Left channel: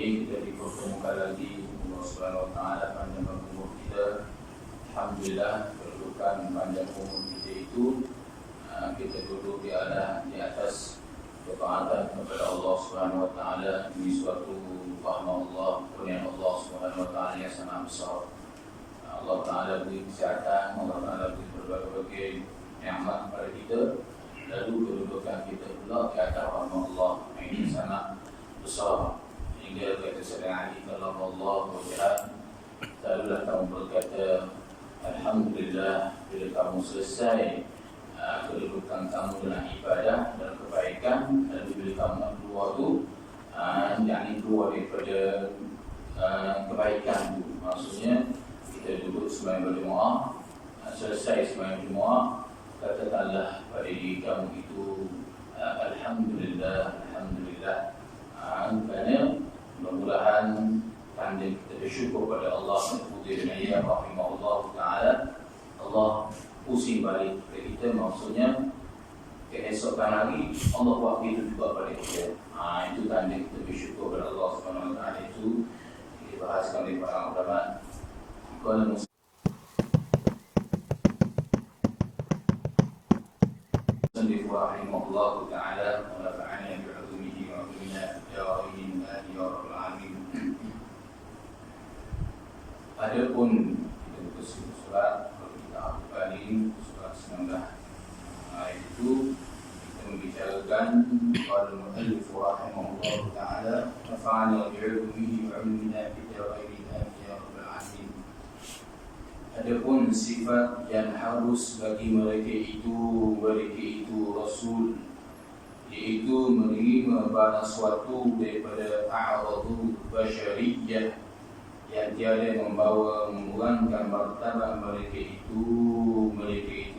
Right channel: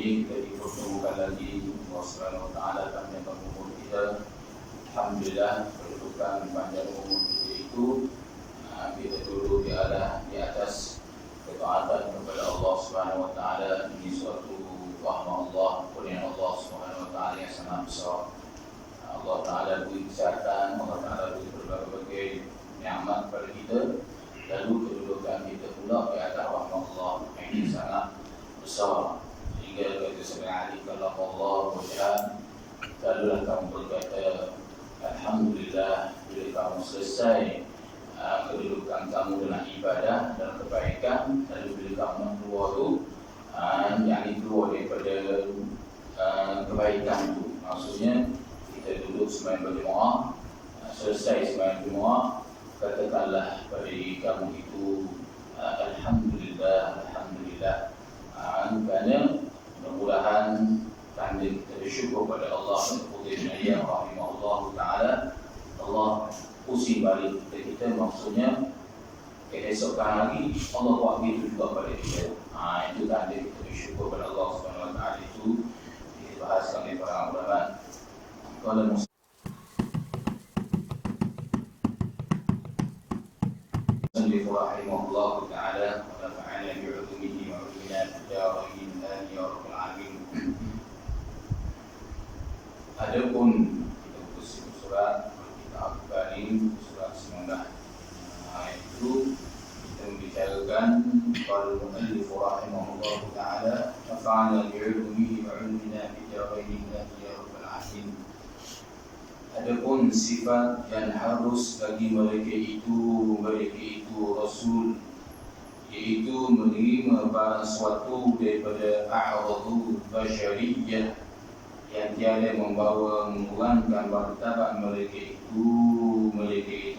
ini kita dipertemukan lagi. Allah Subhanahu Wa Taala akan menambah umur kita. Alhamdulillah, kedudukan panjang umur kita itu kita duduk di atas ketaatan kepada Allah Subhanahu Wa Taala. Ini suatu rahmat Allah, kurnia Allah Subhanahu Wa Taala yang sangat besar. Allah Taala beri kesihatan, Allah Taala beri berbagai nikmat kepada kita. Lalu kedudukan kita pula di atas rahmat Allah yang sangat besar. Hingga kata Sayyidina Ali, kalau Allah berjihad, lalulah kamu berkata Alhamdulillah bila kamu selesai kedudukan kamu dengan ibadah dan kebaikan. Lalu bila kamu nak keluar tu yang keluar daripada kebaikan tu, maksudnya kita duduk sembahyang berjemaah, selesai sembahyang berjemaah, katakanlah pada diri kamu itu Alhamdulillah, Alhamdulillah. Kerana mudah-mudahan tanda kita bersyukur pada Allah Subhanahu rahimahullah ta'ala. Allah pusing balik kepada kita, maksudnya keesokan hari Allah buat begitu juga pada kita. Itu tanda kita bersyukur pada Allah Subhanahu ta'ala. Itu dibahaskan oleh para ulama. Kalau rahimahullah ta'ala wa nafa'ana bi'ulumihi wa ulumina ya Rabbil alamin. Adapun kita putus surat kita Al-Bani surat 19 itu kita membicarakan qala al-muallif rahimahullah ta'ala nafa'ana bi'ulumihi wa ulumina ya Rabbil alamin. Adapun sifat yang harus bagi mereka itu Rasul, iaitu menerima barang suatu daripada a'radu basyariyah yang tiada membawa mengurangkan martabat mereka itu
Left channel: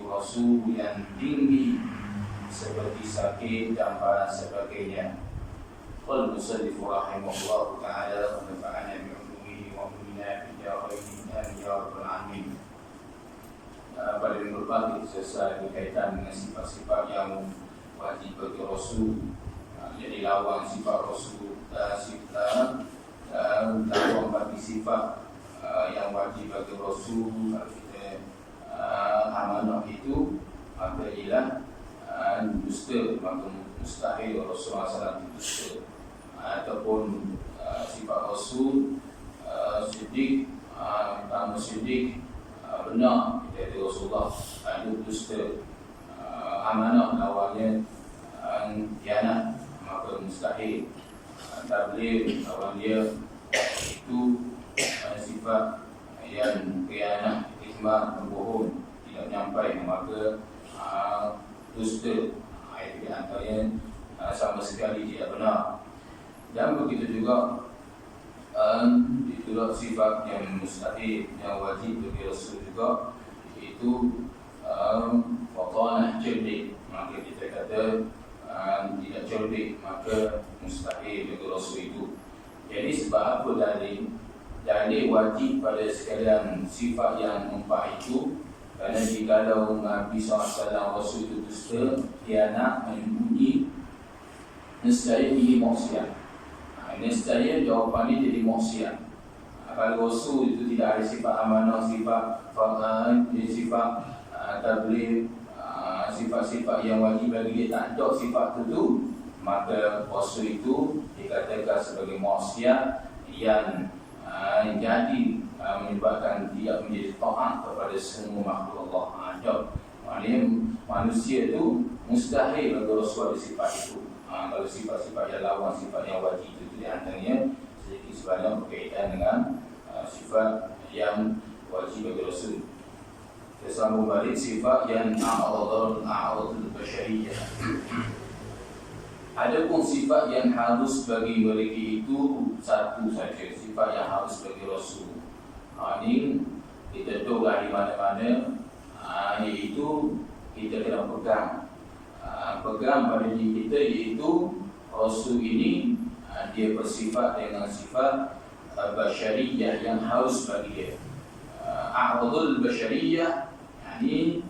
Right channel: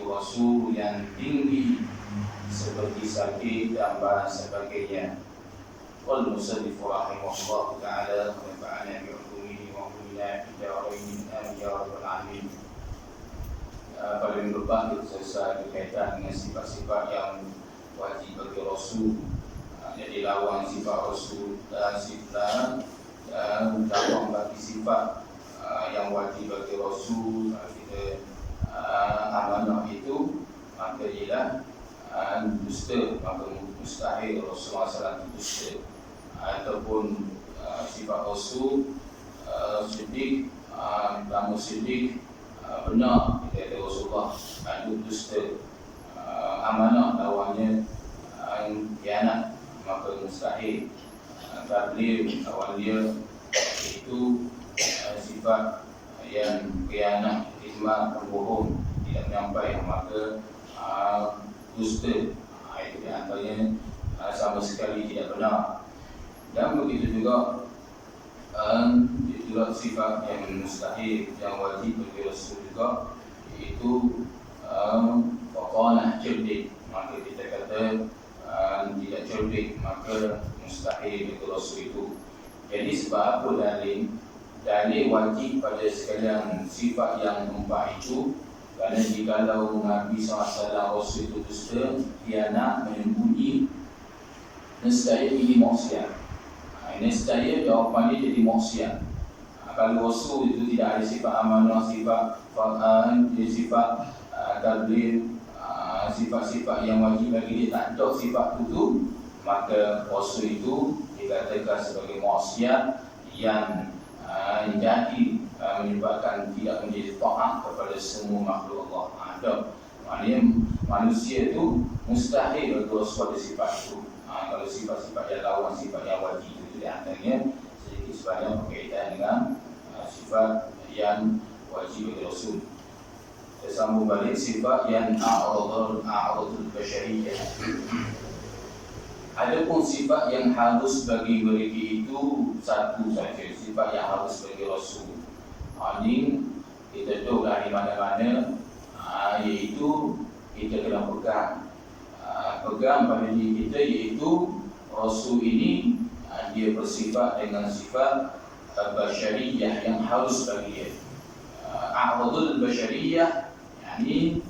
Rasul yang tinggi seperti sakit dan barang sebagainya. Qala musannif rahimahullah ta'ala wa nafa'ana bi'ulumihi wa ulumina ya Rabbil alamin. Pada minggu depan kita selesai berkaitan dengan sifat-sifat yang wajib bagi Rasul. Jadi lawan sifat Rasul dan lawan bagi sifat yang wajib bagi Rasul. Kalau kita amanah itu, maka ialah dusta, maka mustahil Rasulullah SAW dusta. Ataupun sifat Rasul siddiq, kamu siddiq, benar kita ada Rasulullah, itu dusta. Amanah lawannya khianat, maka mustahil. Tabligh lawan dia itu sifat yang khianat, ismar, berbohong, tidak menyampai, maka dusta. Itu di antaranya sama sekali tidak benar. Dan begitu juga itulah sifat yang mustahil, yang wajib bagi Rasul juga, iaitu fatanah cerdik. Maka kita kata tidak cerdik, maka mustahil bagi Rasul itu. Jadi sebab apa dalil wajib pada sekalian sifat yang empat itu? Kerana jikalau Nabi SAW Rasul itu dusta, khianat, menyembunyi, nescaya ini maksiat. Nescaya jawapan ini jadi maksiat. Kalau Rasul itu tidak ada sifat amanah, sifat tabligh, sifat-sifat yang wajib bagi dia, tak ada sifat itu, maka Rasul itu dikatakan sebagai maksiat yang jadi menyebabkan tidak menjadi taat kepada semua makhluk Allah. Ada maknanya manusia itu mustahil bagi Rasul ada sifat itu. Kalau sifat-sifat yang lawan, sifat yang wajib itu di antaranya sedikit sebanyak berkaitan dengan sifat yang wajib bagi Rasul. Kita sambung balik sifat yang a'radul basyariyah. Adapun sifat yang harus bagi mereka itu satu saja, sifat yang harus bagi Rasul. Ini kita duduklah di mana-mana, iaitu kita kena pegang pada diri kita, iaitu Rasul ini dia bersifat dengan sifat basyariyah yang harus bagi dia. A'radul basyariyah, yakni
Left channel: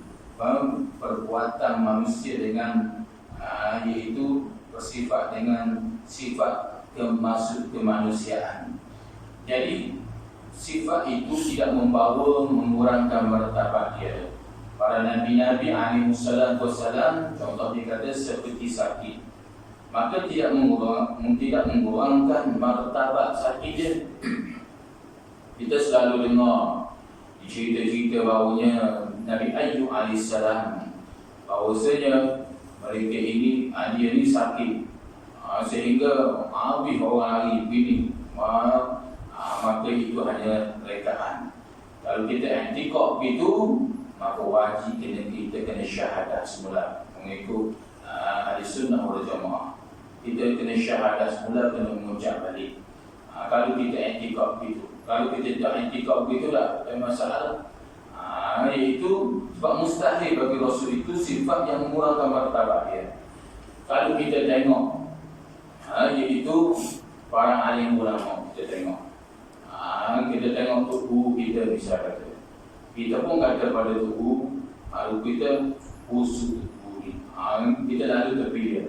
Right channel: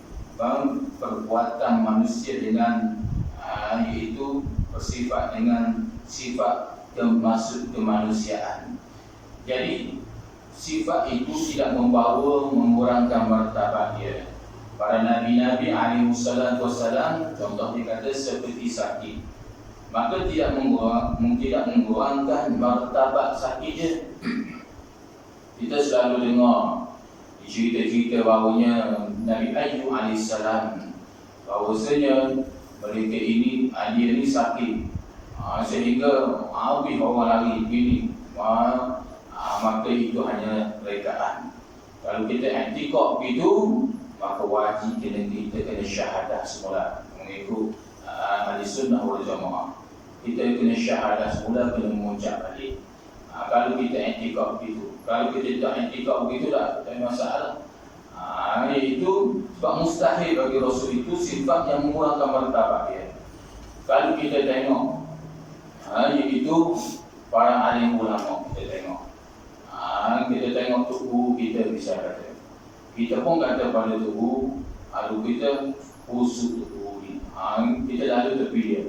perbuatan manusia dengan iaitu bersifat dengan sifat maksud kemanusiaan. Jadi sifat itu tidak membawa mengurangkan martabat dia. Para nabi-nabi alaihi wassalam contoh dikata seperti sakit, maka tidak mengurangkan martabat sakit dia. Kita selalu dengar cerita-cerita bahawanya Nabi Ayyub alaihissalam, bahawasanya mereka ini, dia ni sakit, sehingga habis orang lari begini, maka itu hanya rekaan. Kalau kita i'tikad begitu, maka wajib kita kena syahadah semula mengikut ahli sunnah wal jamaah. Kita kena syahadah semula, kena mengucap balik. Kalau kita i'tikad begitu, kalau kita tak i'tikad begitu tak ada masalah. Iaitu sebab mustahil bagi Rasul itu sifat yang mengurangkan martabat dia. Kalau kita tengok, iaitu para alim ulama, kita tengok tubuh kita bisa kata. Kita pun kata pada tubuh, kalau kita busuk tubuh ni, kita lalu tepi dia,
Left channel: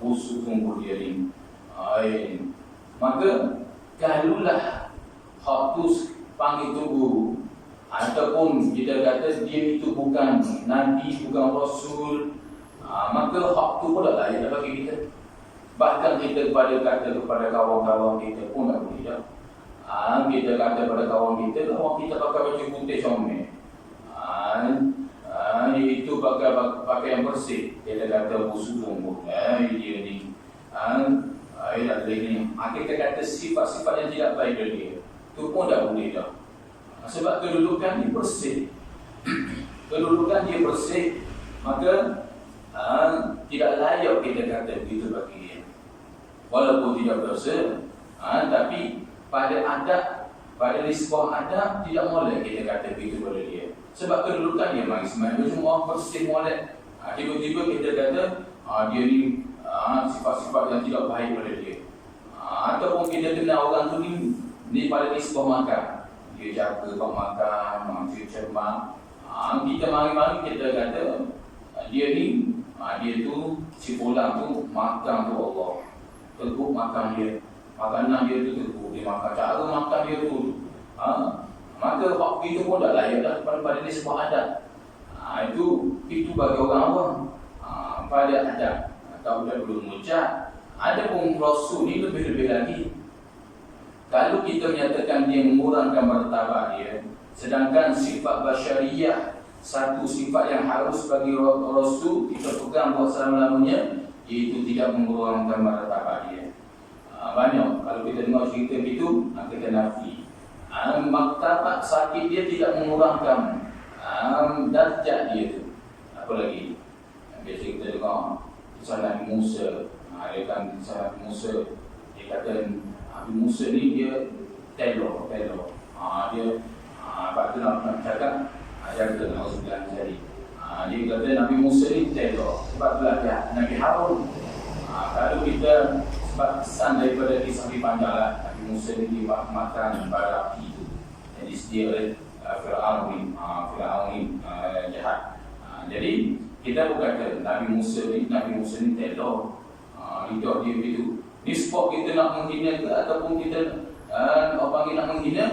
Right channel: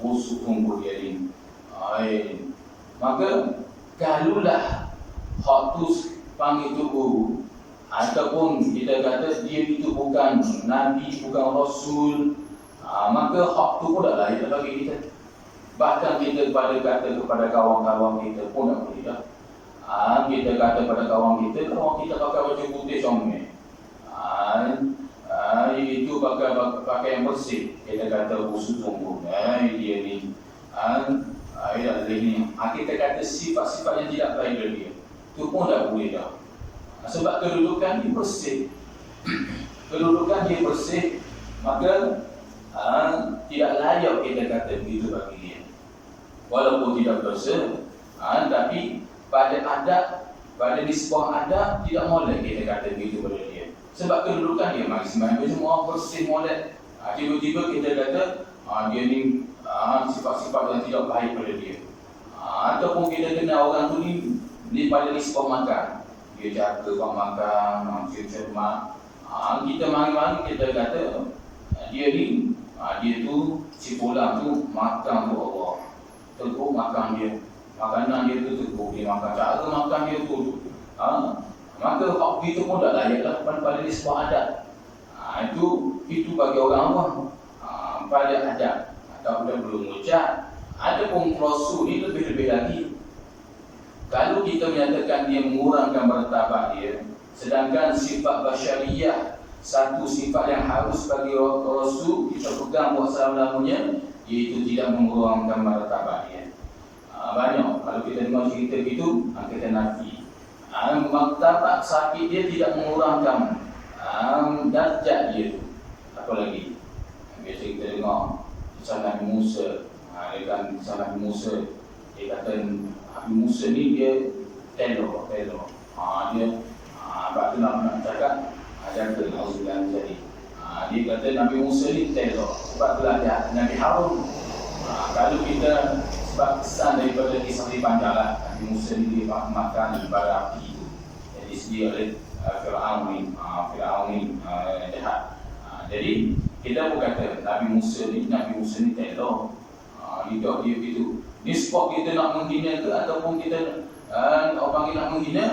busuk tubuh dia ni. Maka kalulah hak tu panggil tubuh, ataupun kita kata dia itu bukan Nabi, bukan Rasul, maka hak tu pun tak layak bagi kita. Bahkan kita kata kepada kawan-kawan kita pun tak boleh dah. Kita kata pada kawan kita pakai baju putih comel, itu pakai yang bersih, kita kata busuk sungguh, dia ni, kita kata sifat-sifat yang tidak baik dari dia, itu pun tak boleh dah. Sebab kedudukan dia bersih, maka tidak layak kita kata begitu bagi dia. Walaupun tidak berdosa, tapi pada adab, pada nisbah adab, tidak boleh kita kata begitu pada dia. Sebab kedudukan dia maksimal, semua bersih molek. Tiba-tiba kita kata dia ni sifat-sifat yang tidak baik pada dia. Ataupun kita kenal orang tu ni pada nisbah makan, dia jaga bak makan, dia cermat. Kita mari-mari kita kata dia ni, dia tu si pulang tu makan tu Allah, teguk makan dia, makanan dia tu teguk dia makan, cara makan dia tu. Maka hak itu pun tak layak dah pada nisbah adat. Itu bagi orang awam, pada adat. Tak boleh belum ucap. Ada pun Rasul ni lebih-lebih lagi. Kalau kita menyatakan dia mengurangkan martabat dia, sedangkan sifat basyariyah, satu sifat yang harus bagi Rasul kita pegang buat selama-lamanya, iaitu tidak mengurangkan martabat dia. Banyak kalau kita dengar cerita begitu, kita nafi. Martabat sakit dia tidak mengurangkan darjat dia tu. Apa lagi? Biasa kita dengar kisah Nabi Musa. Dia kan kisah Nabi Musa, dia kata Nabi Musa ni dia telor. Dia sebab tu nak cakap jaga Auzubillah jadi. Dia kata Nabi Musa ni telor. Sebab itulah Nabi Harun. Kalau kita sebab kesan daripada kisah di panjang lah, Nabi Musa ni dia makan bara api tu yang disediakan oleh Fir'aun ni jahat. Jadi kita pun kata Nabi Musa ni telor. Hidup dia begitu. Ni sebab kita nak menghina ke ataupun kita orang panggil nak menghina,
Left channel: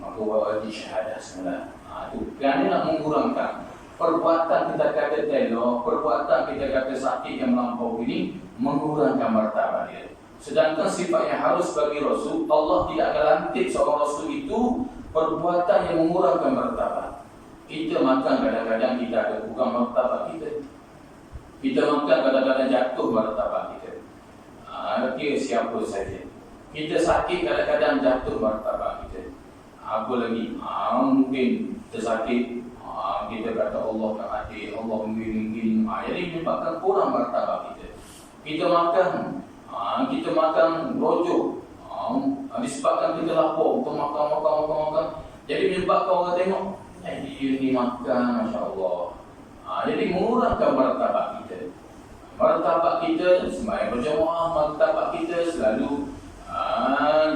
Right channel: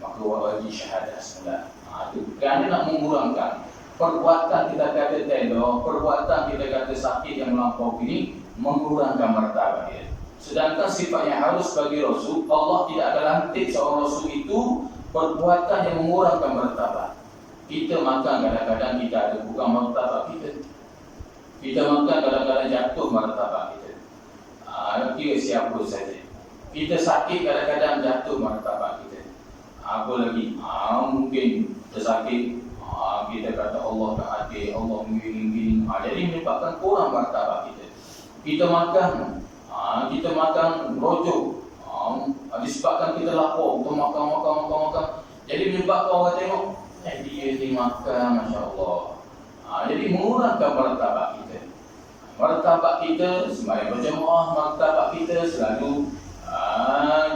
maka wajib syahadah semula. Itu kerana nak mengurangkan perbuatan kita kata telor, perbuatan kita kata sakit yang melampau ini mengurangkan martabat dia. Sedangkan sifat yang harus bagi Rasul, Allah tidak akan lantik seorang Rasul itu perbuatan yang mengurangkan martabat. Kita makan kadang-kadang kita ada bukan martabat kita. Kita makan kadang-kadang jatuh martabat kita. Kira siapa saja. Kita sakit kadang-kadang jatuh martabat kita. Apa lagi? Mungkin tersakit, kita kata Allah tak adil, Allah menggiring-giring. Jadi menyebabkan kurang martabat kita. Kita makan rojok, disebabkan kita lapar, kita makan. Jadi menyebabkan orang tengok, dia ni makan, Masya Allah. Jadi mengurangkan martabat kita. Martabat kita sembahyang berjamaah, martabat kita selalu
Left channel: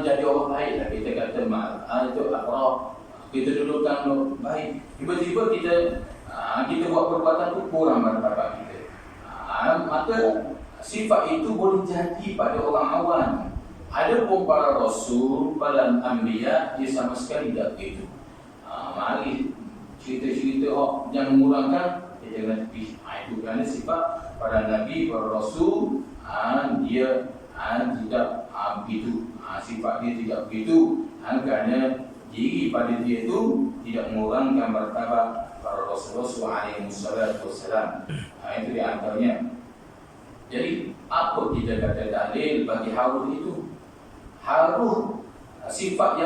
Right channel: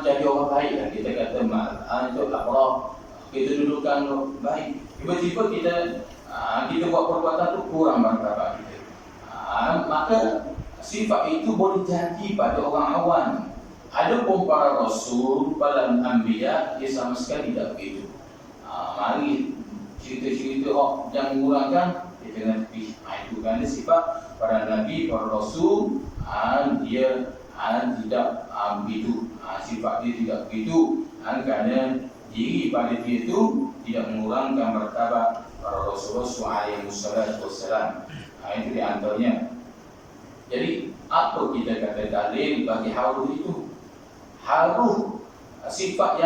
jadi orang baik lah. Kita kata itu akhraf, kita dudukkan baik. Tiba-tiba kita buat perbuatan tu kurang martabat kita. Maka sifat itu boleh jadi pada orang awam. Ada pun para rasul, para anbiya, dia sama sekali tidak begitu. Mari cerita-cerita yang mengurangkan, dia jangan tepi. Itu kerana sifat para nabi, para rasul, dia tidak begitu. Sifat dia tidak begitu. Kerana diri pada dia itu tidak mengurangkan martabat para rasul-rasul alaihi wassalam. Itu di antaranya. Jadi apa kita kata dalil bagi haruh itu? Haruh sifat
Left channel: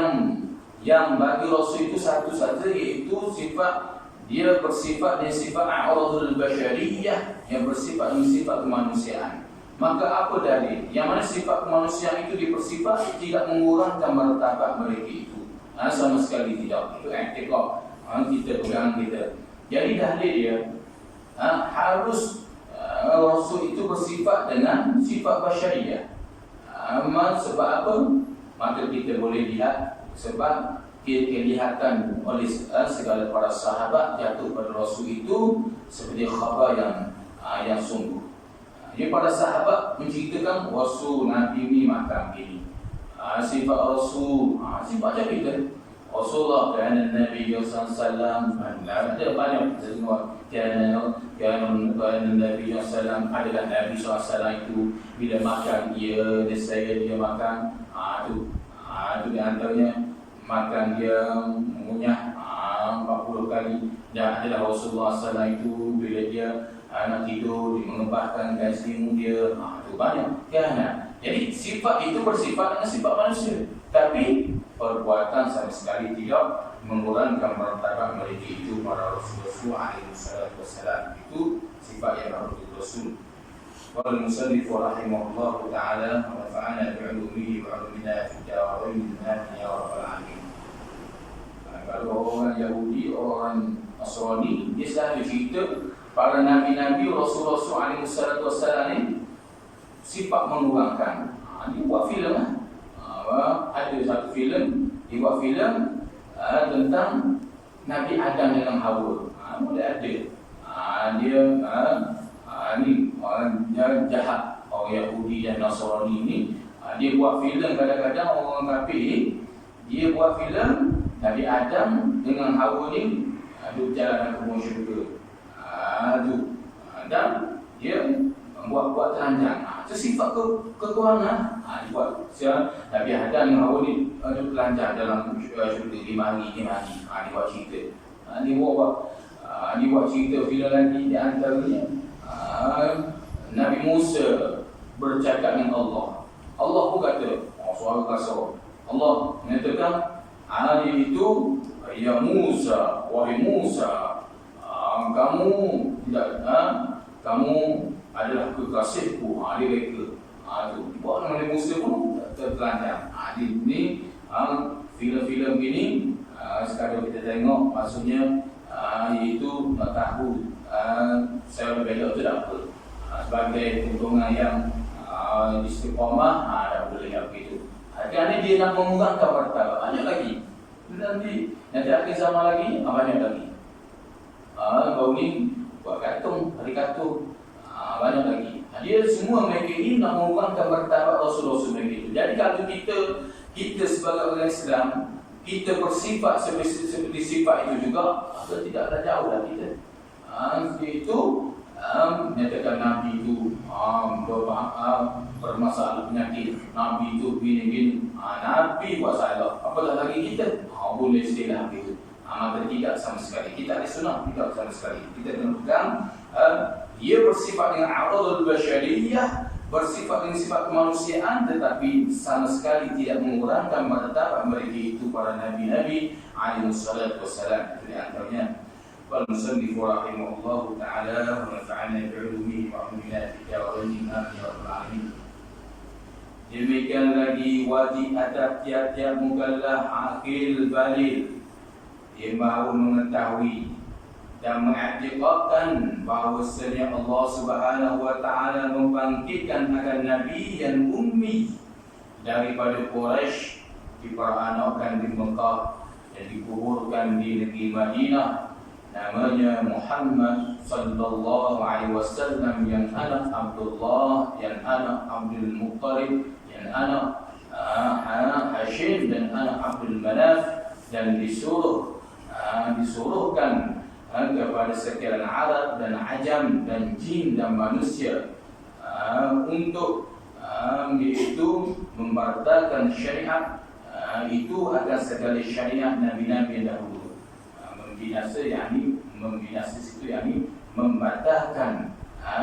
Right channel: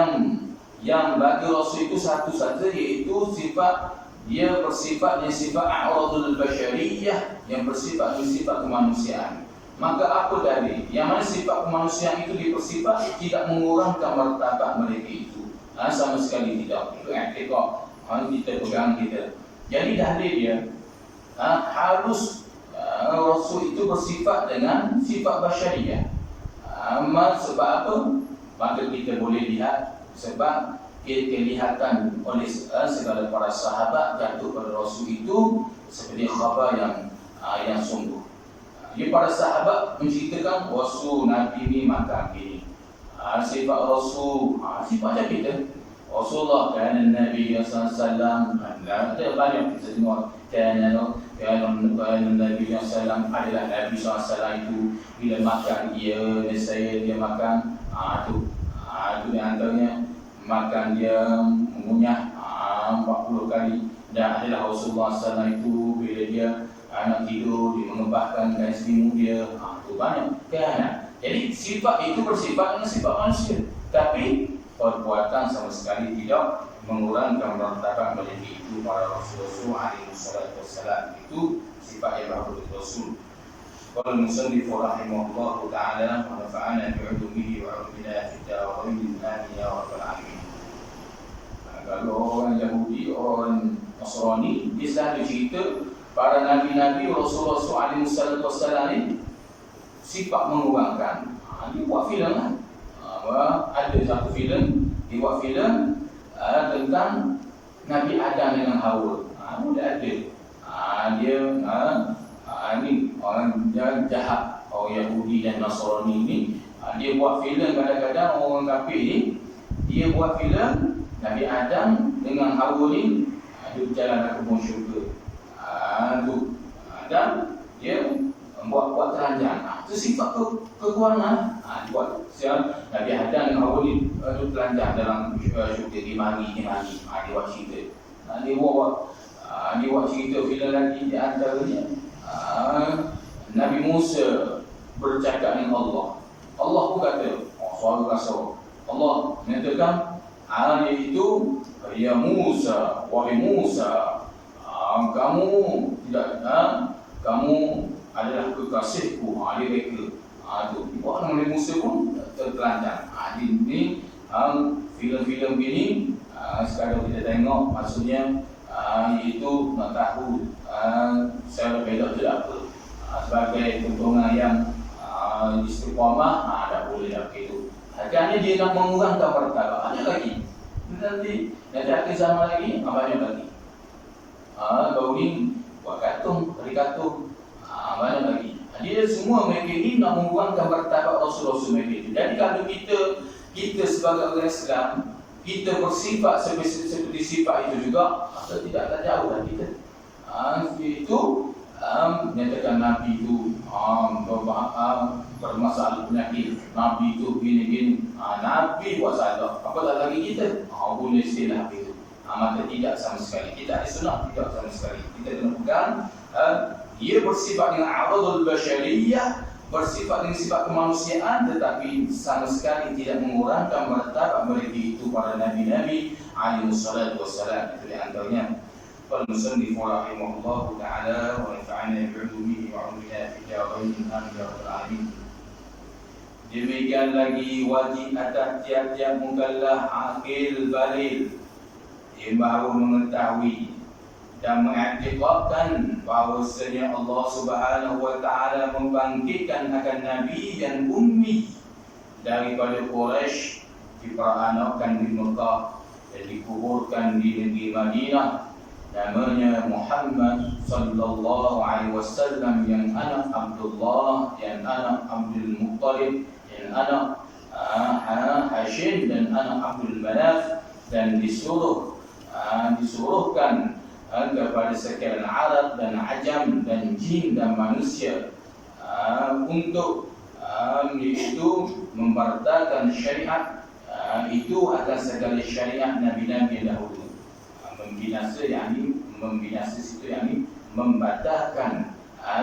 yang bagi rasul itu satu saja, iaitu sifat dia bersifat dengan sifat a'radul basyariyah, yang bersifat dengan sifat kemanusiaan. Maka apa dalil? Yang mana sifat kemanusiaan itu dipersifat tidak mengurangkan martabat mereka itu. Sama sekali tidak. Itu i'tiqad. Kita pegang kita. Jadi dalil dia harus rasul itu bersifat dengan sifat basyariyah. Sebab apa? Maka kita boleh lihat sebab kelihatan oleh segala para sahabat jatuh pada rasul itu seperti khabar yang sungguh. Jadi para sahabat menceritakan rasul Nabi ini makan ini. Sifat rasul, sifatnya kita. Rasulullah kerana Nabi SAW ada banyak kita tengok kerana Nabi SAW adalah Nabi SAW itu bila makan nescaya dia makan itu di antaranya makan dia mengunyah 40 kali. Dan adalah Rasulullah SAW itu bila dia nak tidur dia mengebahkan kain selimut dia, itu banyak kan. Jadi sifat itu bersifat dengan sifat manusia, tapi perbuatan sama sekali tidak mengurangkan martabat mereka itu para rasul alaihi wassalam. Itu sifat yang harus Rasul. Qala al-musannif rahimahullah ta'ala wa nafa'ana bi'ulumihi wa 'ulumina fid darain amin ya rabbal alamin. Kalau orang Yahudi, orang Nasrani, dia selalu cerita para nabi-nabi Rasulullah alaihi wassalam ini sifat mengurangkan. Dia buat filem lah. Ada satu filem, dia buat filem tentang Nabi Adam dengan Hawa. Boleh ada. Dia ni orang jahat, orang Yahudi dan Nasrani ni, dia buat filem kadang-kadang orang kafir ni, dia buat filem Nabi Adam dengan Hawa ni dia berjalan ke kebun syurga. Dan dia buat telanjang. Itu sifat kekurangan. Buat Nabi Adam dengan Hawa ni telanjang dalam syurga 5 hari. Dia buat cerita. Dia buat cerita filem lagi di antaranya Nabi Musa bercakap dengan Allah. Allah pun kata, suara kasar. Allah mengatakan itu, ya Musa, wahai Musa, kamu adalah kekasihku. Dia reka. Itu buat oleh Musa pun tertelanjang. Ini filem-filem ini sekadar kita tengok, maksudnya iaitu nak tahu saya berbeza itu tak apa. Sebagai keuntungan yang istiqamah, tak boleh nak begitu. Kerana dia nak mengurangkan martabat. Ada lagi. Nanti akhir zaman lagi, banyak lagi. Baru ni buat karikatur, banyak lagi. Dia semua mereka ini nak mengurangkan martabat Rasul-Rasul mereka itu. Jadi kalau kita sebagai orang Islam, kita bersifat seperti sifat itu juga, tidaklah jauh lah kita. Itu menyatakan Nabi itu bermasalah penyakit, Nabi itu gini-gini. Nabi buat salah, apatah lagi kita boleh istilah itu. Maka tidak sama sekali. Kita ahli sunnah tidak sama sekali. Kita kena pegang dia bersifat dengan a'radul basyariyah, bersifat dengan sifat kemanusiaan, tetapi sama sekali tidak mengurangkan martabat mereka itu para nabi-nabi alaihi wassalam. Itu di antaranya. Qala al-musannif rahimahullah ta'ala wa nafa'ana bi'ulumihi wa 'ulumina fid darain amin ya rabbal alamin. Demikian lagi wajib atas tiap-tiap mukallaf aqil baligh yang baru mengetahui dan mengiktikadkan bahawasanya Allah Subhanahu wa taala membangkitkan akan nabi yang ummi daripada Quraisy, diperanakan di Mekah dan dikuburkan di negeri Madinah, namanya Muhammad sallallahu alaihi wasallam, yang anak Abdullah, yang anak Abdul Muttalib, yang anak Hashim dan anak Abdul Manaf, dan disuruhkan kepada sekalian Arab dan Ajam dan jin dan manusia untuk itu membartakan syariat itu akan segala syariat Nabi-Nabi yang dahulu. Membinasa situ membatalkan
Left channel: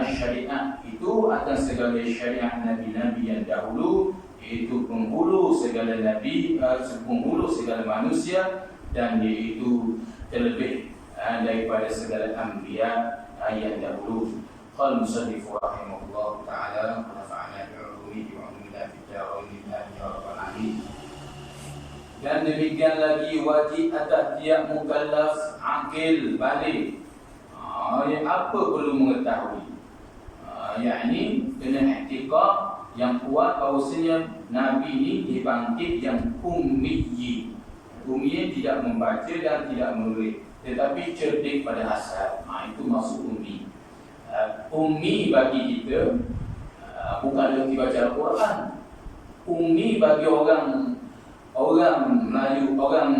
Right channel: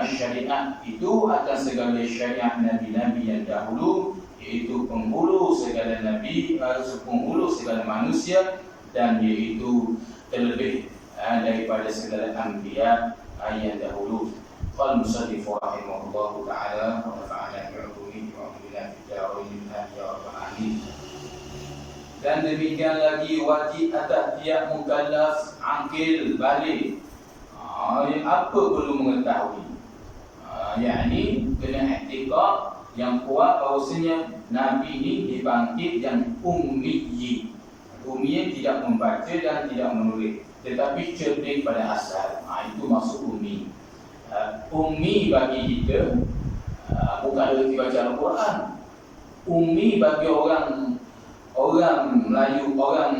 syariat itu akan segala syariat Nabi-Nabi yang dahulu, iaitu penghulu segala nabi, penghulu segala manusia, dan iaitu terlebih daripada segala anbiya yang dahulu. Qala musannif rahimahullah taala wa nafa'ana bi'ulumihi wa billahi ta'ala ya rabbal alamin. Dan demikian lagi wajib atas tiap mukallaf akil balik. Yang apa perlu mengetahui? Yakni kena i'tiqad yang kuat bahawasanya Nabi ini dibangkit yang ummi. Ummi tidak membaca dan tidak menulis, tetapi cerdik pada asal. Itu maksud ummi. Ummi bagi kita bukan erti baca Al-Quran. Ummi bagi orang Melayu, orang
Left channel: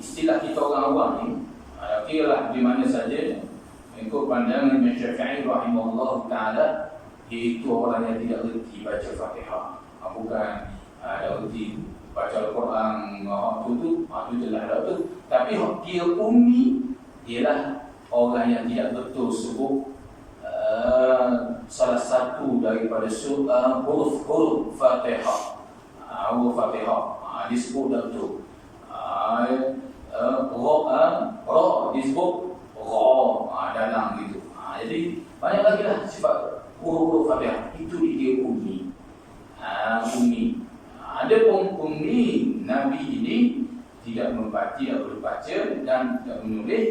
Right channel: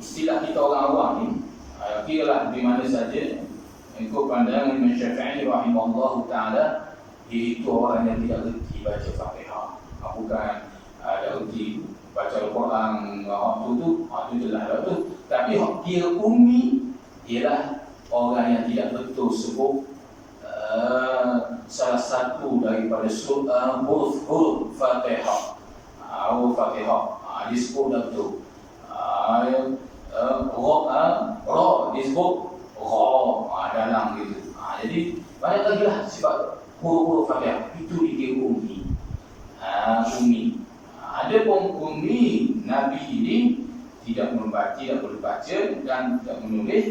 istilah kita orang awam ni, kiralah di mana saja ikut pandangan Imam Syafi'i rahimahullah ta'ala, iaitu orang yang tidak erti baca Fatihah. Bukan ada erti baca Al-Quran itu jelas dah tu. Tapi dia ummi ialah orang yang tidak betul sebut salah satu daripada huruf Fatihah. Huruf Fatihah disebut dah betul. Ra disebut ra dalam gitu. Jadi banyak lagi lah sifat huruf Fatihah itu dikira ummi. Ummi. Ada pun ummi Nabi ini tidak membaca, tidak berbaca dan tidak menulis,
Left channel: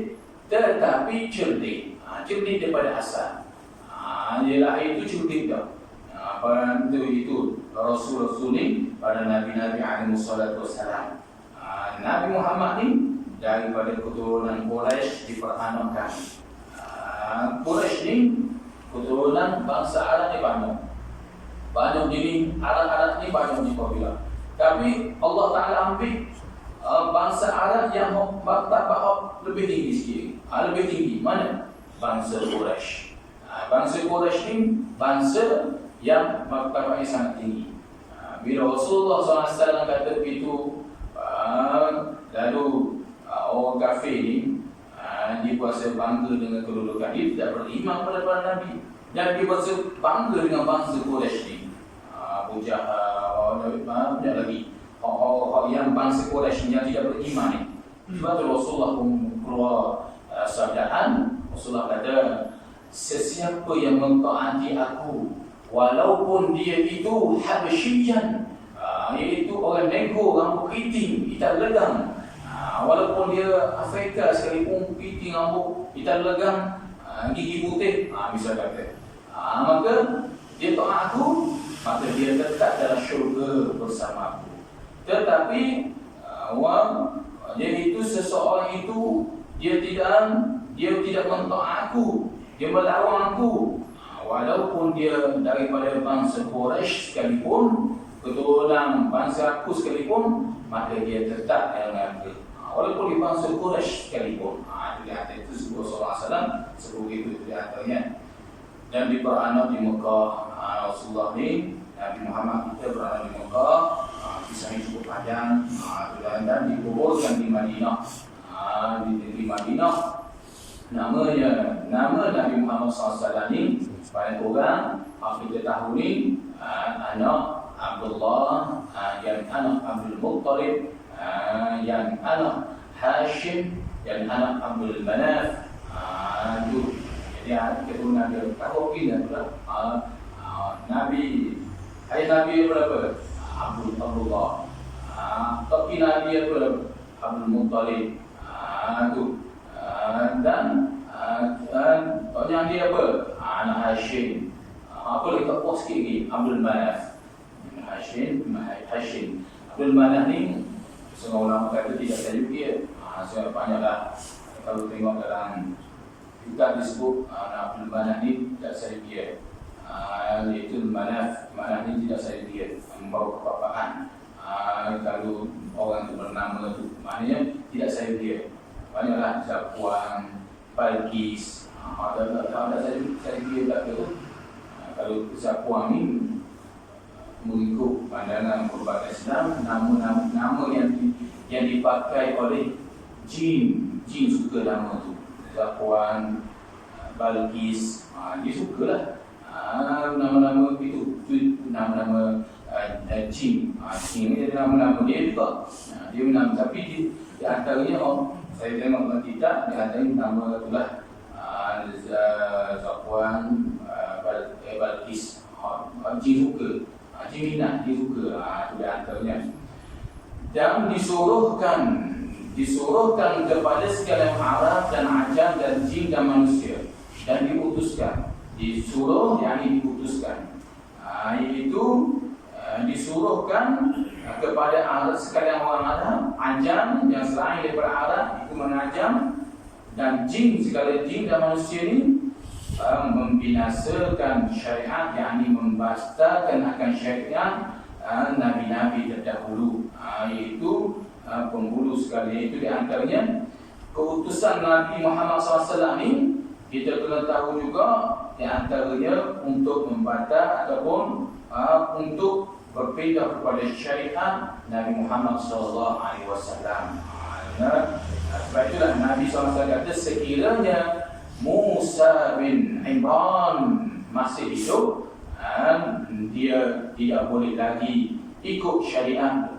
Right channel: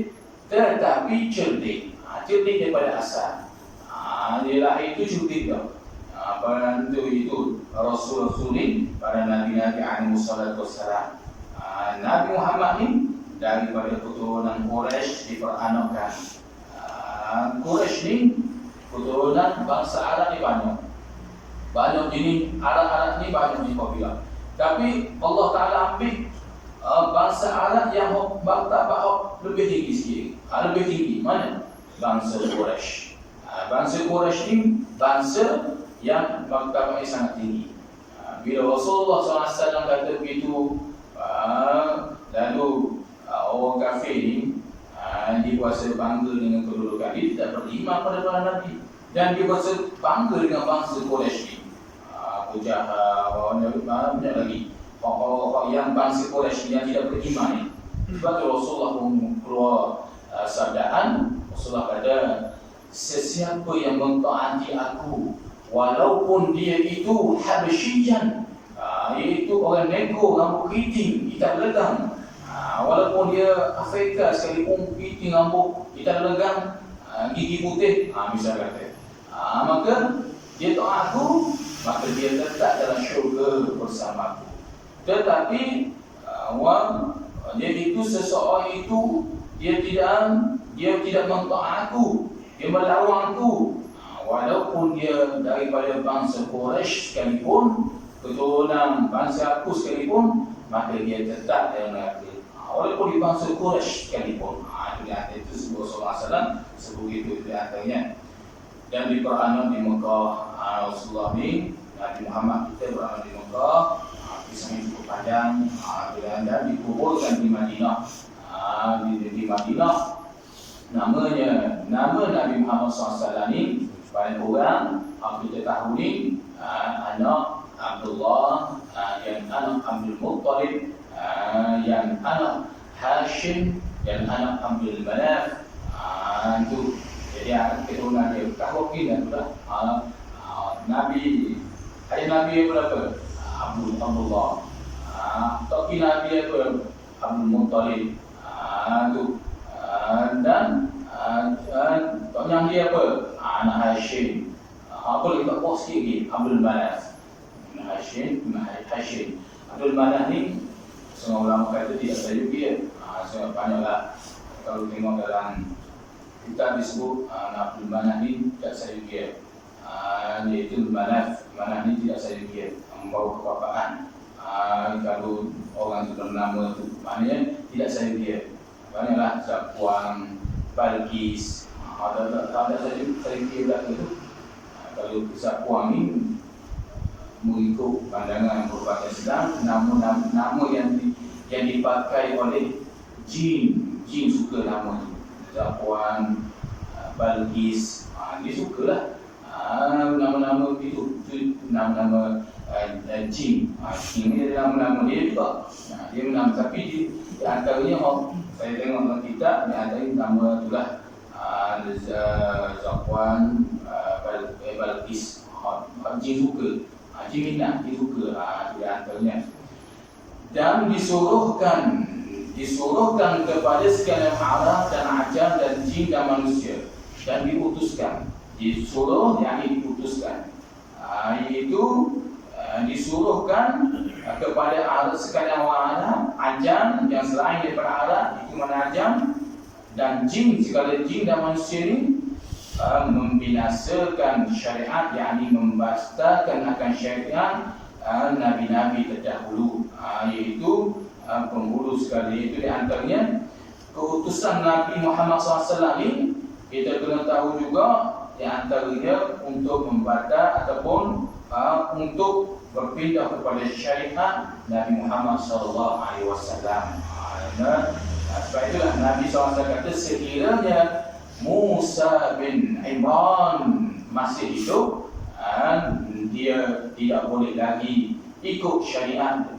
tetapi cerdik. Cerdik daripada asal. Dia lahir itu cerdik dah. Pada itu Rasul-Rasul ni, pada Nabi-Nabi alaihi wassalatu wassalam. Nabi Muhammad ni daripada keturunan Quraisy diperanakkan. Quraisy ni keturunan bangsa Arab ni banyak jenis Arab ni banyak jenis kabilah. Tapi Allah Ta'ala ambil bangsa Arab yang martabat lebih tinggi sikit. Lebih tinggi mana? Bangsa Quraisy. Bangsa Quraisy ni bangsa yang martabatnya sangat tinggi. Bila Rasulullah SAW kata begitu, lalu orang kafir ni dia kuasa bangga dengan kedudukan dia, tidak beriman pada para Nabi, dan dia kuasa bangga dengan bangsa Quraisy ni. Abu Jahal, banyak lagi orang yang bangsa Quraisy yang tidak beriman ni. Sebab tu Rasulullah pun keluar sabdaan. Rasulullah kata, sesiapa yang mentaati aku walaupun dia itu Habsyian, iaitu orang nego, rambut keriting, hitam legang, walaupun dia Afrika sekalipun, keriting, rambut hitam legang, gigi putih, misal kata, maka dia taat aku, maka dia tetap dalam syurga bersama aku. Tetapi dia itu seseorang itu dia tidak mentaat aku, dia melawan aku, walaupun dia daripada bangsa Quraisy sekalipun, keturunan bangsa aku sekalipun, maka dia tetap dalam neraka. Walaupun di bangsa Quraisy sekalipun. Itu di atas itu sebut Rasulullah SAW sebut itu di atasnya. Dan diperanak di Mekah. Rasulullah ni, Nabi Muhammad kita beranak di Mekah. Kisahnya cukup panjang. Dan dikuburkan di Madinah. Di Madinah, nama Nabi Muhammad SAW ni banyak orang kita tahu ni, anak Abdullah, yang anak Abdul Muttalib, yang anak Hashim, yang anak Abdul Manaf. Itu jadi keturunan dia. Kalau kita pula Nabi, ayah Nabi yang berapa? Abdullah. Toki Nabi apa? Abdul Muttalib. Itu dan tanya dia apa? Anak Hashim. Apa lagi tak pos sikit lagi? Abdul Manaf. Hashim. Abdul Manaf ni setengah ulama kata tidak sayu dia. Sebab banyaklah kalau tengok dalam kitab disebut Abdul Manaf ni tak sayu dia. iaitu manaf. Manaf ni tidak saja dia membawa kebapaan. Kalau orang tu bernama tu maknanya tidak saja dia. Banyaklah Zakuan, Balkis. Tak saja dia pula tu. Kalau Zakuan ni mengikut pandangan perubatan Islam, nama yang dipakai oleh jin suka nama tu. Zakuan, Balkis, dia sukalah nama-nama itu nama-nama jin. Jin ni nama-nama dia juga. Dia menama, tapi di antaranya saya tengok dalam kitab, di antaranya nama itulah Zakuan, Balkis. Jin suka. Jin minat, dia suka. Itu di antaranya. Dan disuruhkan kepada sekalian Arab dan Ajam dan jin dan manusia, dan diutuskan. Disuruh yang diutuskan. Itu disuruhkan kepada Arab, sekalian orang Arab, Ajam yang selain daripada Arab, itu mana Ajam, dan jin, sekalian jin dan manusia ini membinasakan syariat, yakni membastakan akan syariat nabi-nabi terdahulu, iaitu penghulu sekali. Itu di antaranya keutusan Nabi Muhammad SAW ini, kita kena tahu juga di antaranya untuk membantah ataupun untuk berpindah kepada syariat Nabi Muhammad SAW. Sebab itulah Nabi SAW kata, sekiranya Musa bin Imran masih hidup, dia tidak boleh lagi ikut syariat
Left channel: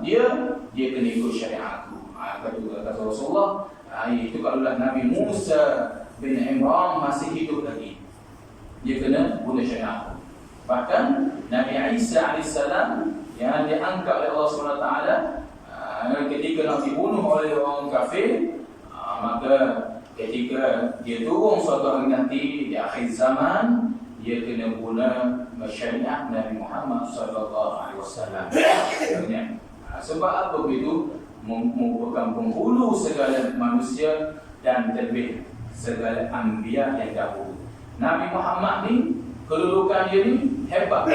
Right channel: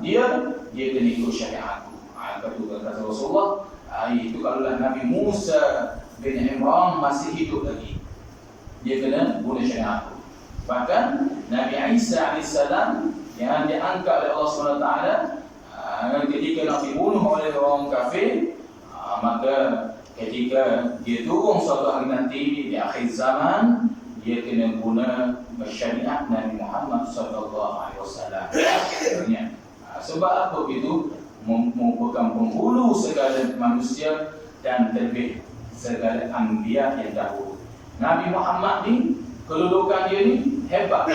dia kena ikut syariat aku. Kata Rasulullah, itu kalaulah Nabi Musa bin Imran masih hidup lagi, dia kena guna syariat aku. Bahkan Nabi Isa AS yang diangkat oleh Allah SWT, ketika nak dibunuh oleh orang kafir, maka ketika dia turun suatu hari nanti di akhir zaman, dia kena guna syariat Nabi Muhammad SAW. Sebab apa begitu? Merupakan penghulu segala manusia dan terlebih segala anbiya yang dahulu. Nabi Muhammad ni, kedudukan dia ni hebat.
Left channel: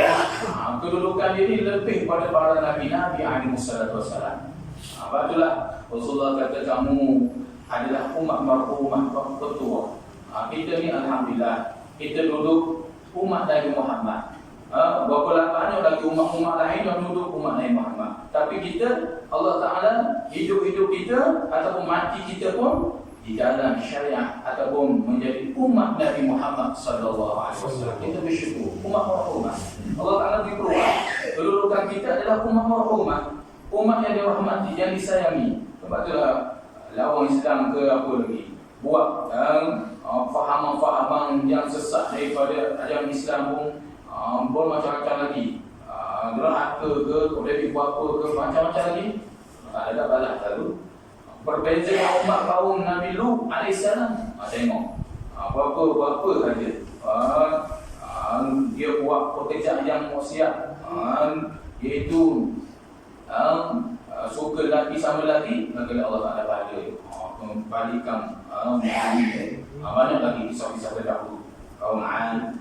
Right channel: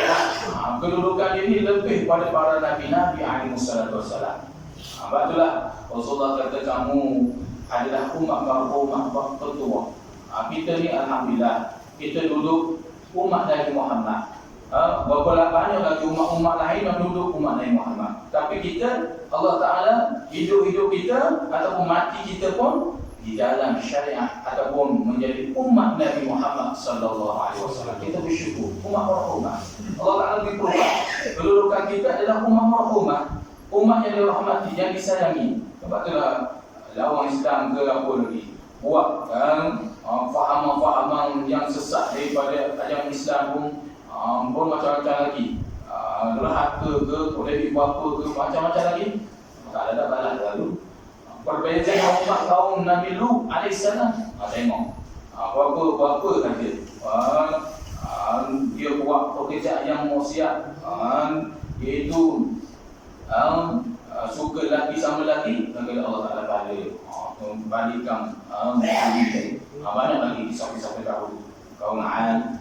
Kedudukan dia ni lebih pada para nabi-nabi alaihissalam. Sebab itulah Rasulullah kata, kamu adalah umat marhumah tertua. Kita ni alhamdulillah, kita duduk umat Nabi Muhammad. Berapa banyak lagi umat-umat lain yang duduk umat Nabi Muhammad. Tapi kita, Allah Ta'ala, hidup-hidup kita ataupun mati kita pun di dalam syariat ataupun menjadi umat Nabi Muhammad SAW. Kita bersyukur, umat marhumah. Allah Ta'ala beri perubahan. Kedudukan kita adalah umat marhumah, umat yang dirahmati, yang disayangi. Sebab itulah orang Islam ke apa lagi buat fahaman-fahaman yang sesat daripada ajaran Islam pun macam-macam lagi. Derhaka ke, boleh dibuat apa ke, macam-macam lagi. Tak ada balas lalu. Berbeza umat kaum Nabi Lut alaihissalam. Tengok berapa saja dia buat pekerjaan yang maksiat, iaitu suka lelaki sama lelaki, maka Allah Ta'ala balikan banyak lagi kisah-kisah terdahulu kaum Ad,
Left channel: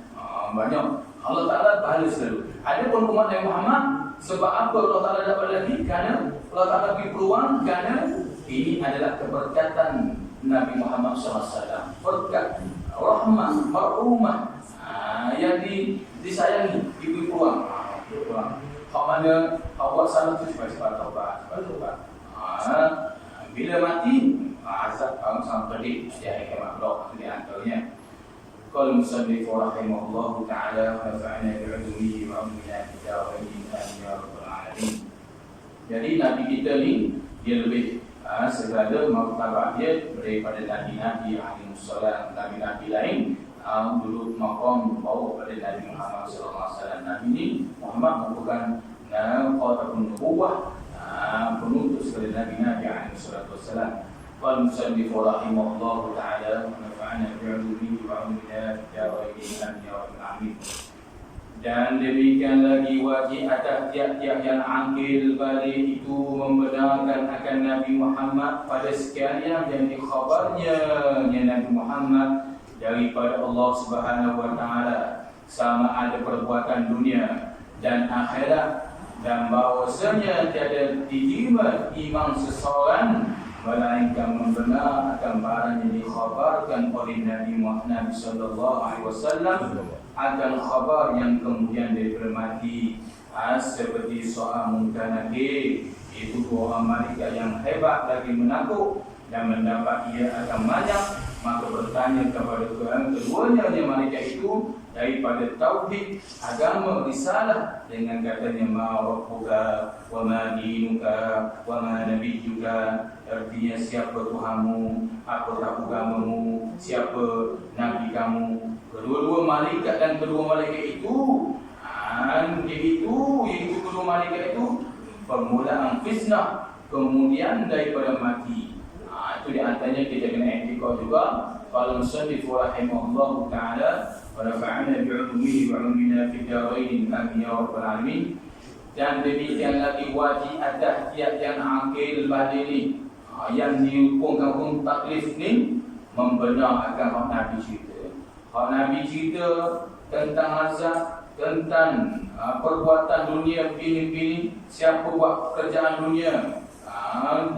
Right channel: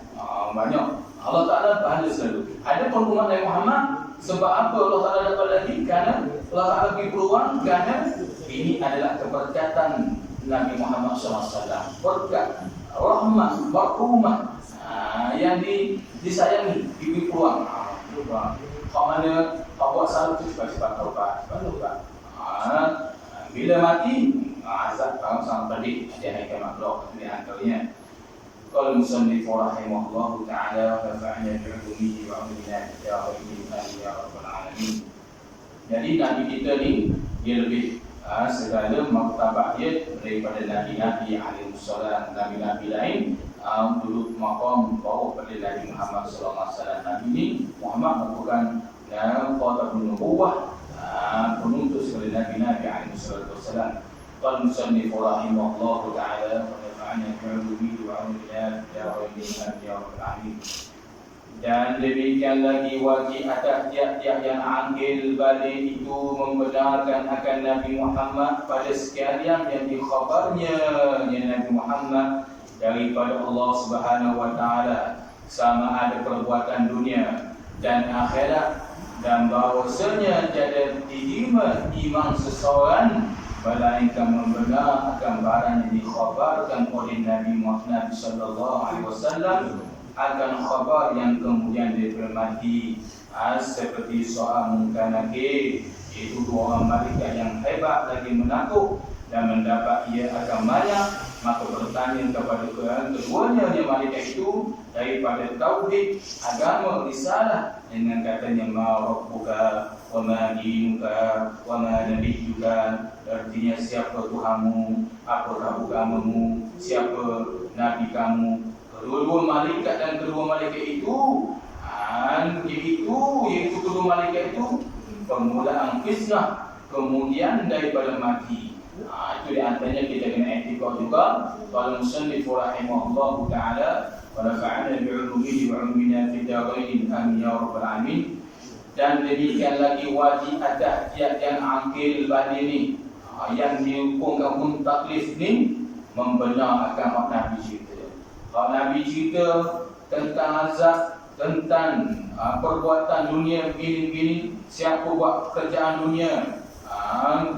banyak Allah Ta'ala bahala selalu. Ada pun umat Nabi Muhammad, sebab apa Allah Ta'ala dapat lagi? Kerana Allah Ta'ala beri peluang, kerana ini adalah keberkatan Nabi Muhammad SAW, berkat, rahmat, marhumah yang disayangi, diberi peluang. Kalau mana awak salah tu sebab taubat. Bila mati, azab kaum sama tadi di akhir kiamat kelak. Di antaranya qala musannif rahimahullahu ta'ala wa nafa'ana bi'ulumihi wa 'ulumina wa bihi ya rabbal alamin. Jadi Nabi kita ni, dia lebih segala martabat dia daripada nabi-nabi alaihissalam. Nabi-nabi lain duduk maqam bawah pada Nabi Muhammad SAW. Nabi ni Muhammad merupakan khatamul nubuwah, penuntut segala nabi-nabi alaihissalam. Qala musannif rahimahullahu ta'ala wa nafa'ana bi'ulumihi wa 'ulumina ya rabbal alamin. Dan demikian lagi wajib atas tiap-tiap yang ambil balik itu membenarkan akan Nabi Muhammad pada sekalian yang dikhabarnya Nabi Muhammad daripada Allah Subhanahu wa Ta'ala, sama ada perbuatan dunia dan akhirat, dan bahawasanya tiada diterima iman seseorang melainkan membenarkan barang yang dikhabarkan oleh Nabi Muhammad sallallahu alaihi wasallam akan khabar yang kemudian dipermati, seperti soal Munkar Nakir, iaitu dua orang malaikat yang hebat lagi menakut dan mendapat ia akan banyak. Maka bertanya kepada keduanya dia malaikat itu daripada tauhid, agama, risalah, dengan katanya ma rabbuka wa ma dinuka wa ma nabiyyuka, artinya siapa Tuhanmu, apakah agamamu, siapa nabi kamu. Kedua-dua malaikat dan kedua malaikat itu iaitu kedua malaikat itu permulaan fitnah, kemudian daripada mati. Itu di antaranya kita kena etikad juga. Qala musannif rahimahullahu ta'ala wa nafa'ana bi'ulumihi wa 'ulumina fid darain amin ya rabbal alamin. Dan demikian lagi wajib atas tiap yang akil badini yang dihukumkan pun taklif ni membenarkan hak Nabi cerita. Hak Nabi cerita tentang azab, tentang perbuatan dunia begini-begini, siapa buat kerjaan dunia